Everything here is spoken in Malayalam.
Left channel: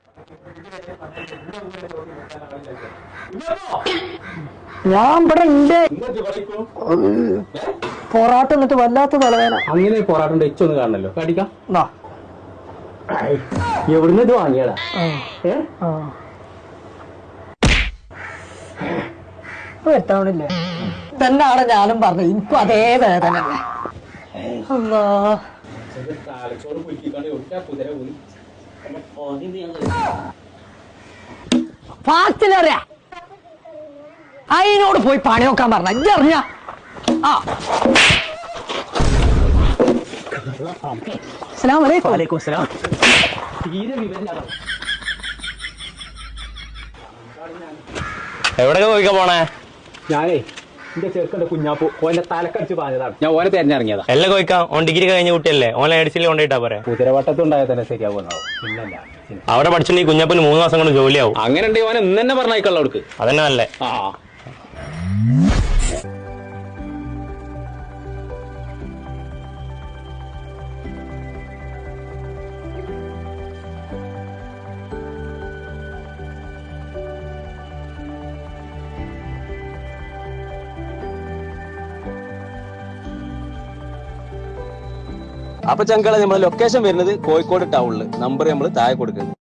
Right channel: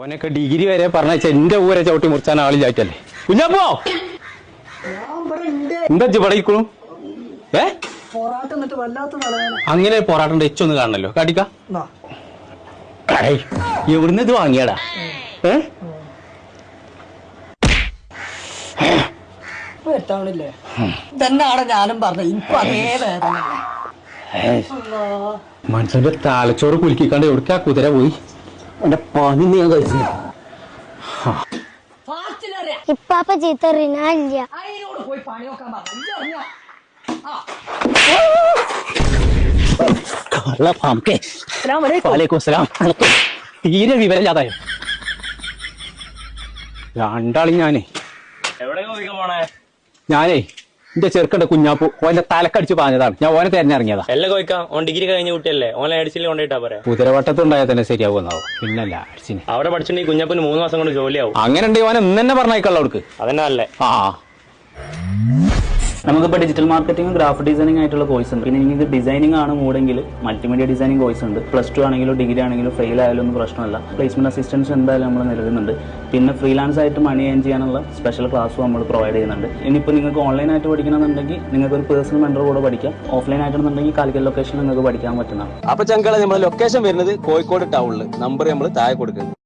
ഓനൊക്കെ ഡിഗ്രി വരെ പറഞ്ഞ എന്റെ ഊരെ ചവിട്ടി മുറിച്ചാൻ ആളില്ലായിട്ടല്ലേ കുഞ്ഞപ്പോ ഞാൻ ഇവിടെ എന്താ പഠിക്കണു പൊറാട്ട എന്നിട്ട് വല്ലാത്ത തലവേദന. അങ്ങനെ പൊറാട്ടന്റെ എച്ചൊന്ന് കാണണല്ലോ കടിക്ക ദാ. എവിടുന്ന് ഇത് വാങ്ങിയടാ പറ്റാവണില്ലേ ഇതെന്നാണ് ഞാനും പറഞ്ഞു എനിക്കും അതേ വേദന. മനുഷ്യന്റെ തലച്ചോറ് കുലുക്കിക്കാണ്ട് എവിടേക്കാ കുതിര പോയി എന്റെ പനി ഞാൻ കഴിച്ചു ഫാസ്റ്റിലറിയാ ഇപ്പാപ്പ ചീത്ത റിനാലില്ല. അതിനോട് പോയി പണി നോക്കാൻ പറഞ്ഞ ഇതറിഞ്ഞ തീരെ വിവരമില്ലാതായോ രണ്ടാളി ഞാനേ എവിടെ പോയിക്കാ പോണേ? ഞാനേ എന്റെ ചെറുക്കന്റെ കുഞ്ഞാപ്പു ഓന്റെ തലക്കടിച്ച് പാഞ്ഞതാണ്. ഞാൻ ഓനെ തെരഞ്ഞിറങ്ങിയതാ. എല്ലാം കോയിക്കാം. ഓൻ ഡിഗ്രി കഴിഞ്ഞ കുട്ടിയല്ലേ? ഓൻ എഡിസിൽ കൊണ്ടിട്ടാ പറയാ. കുതിരവട്ടത്തുണ്ടായാൽ തന്നെ ശരിയാവുന്നാവും. പിന്നല്ല അവിടെ പഠിച്ചിട്ടുണ്ടെങ്കിൽ കുഞ്ഞാപ്പിന് 3 മാസം കൊണ്ട് ജോലിയാവും. അങ്ങനെ ഉണ്ടെങ്കിൽ ഓനെ ഇന്ന് തന്നെ പറഞ്ഞേക്കുള്ള അവർക്ക്. അതന്നെ അല്ലേ? നമുക്കിപ്പോൾ ഡിജിറ്റൽ മാർക്കറ്റിംഗും ഗ്രാഫിക് ഡിസൈനിങ് ആയിട്ടുള്ള കോഴ്സ് ഉണ്ട്. പിന്നെ നിങ്ങൾക്ക് ഡിസൈനിങ് ആണ് മൂടെങ്കിൽ മൾട്ടിമീഡിയ ഡിസൈനിങ് കോഴ്സ് ഉണ്ട്. +2 ആണെങ്കിലും ഡിഗ്രി ആണെങ്കിലും ഫെയിൽ ആയാലും ഒന്നും പ്രശ്നമല്ല. പ്ലേസ്മെന്റ് അസിസ്റ്റൻസ് എന്തായാലും നമ്മൾ നൽകുന്നുണ്ട്. പിന്നെ ഫ്രീലാൻസ് ആയിട്ട് മണി ഏൺ ചെയ്യാനുള്ള സ്പെഷ്യൽ ക്ലാസ്സും നമ്മൾ പ്രൊവൈഡ് ചെയ്യുന്നുണ്ട്. ഇനിയിപ്പോൾ നിങ്ങൾക്ക് ഓൺലൈൻ ആയിട്ട് പഠിക്കണമെന്നുണ്ടെങ്കിൽ നിങ്ങൾക്ക് ഒരു പേഴ്സണൽ മെന്റർ കൂടെ പഠിക്കാം. ഓഫ്ലൈൻ ആയിട്ടുണ്ടെങ്കിൽ കാലിക്കറ്റ് ലൊക്കേഷനിൽ നിങ്ങൾക്ക് പഠിക്കാൻ പറ്റുന്നതാണ്. അപ്പൊ ചങ്കള നമ്മുടെ ലൊക്കേഷൻ വരുന്നത് കോഴിക്കോട് ടൗണിൽ. നമ്പർ നമ്മൾ താഴെ കൊടുക്കുന്നത്.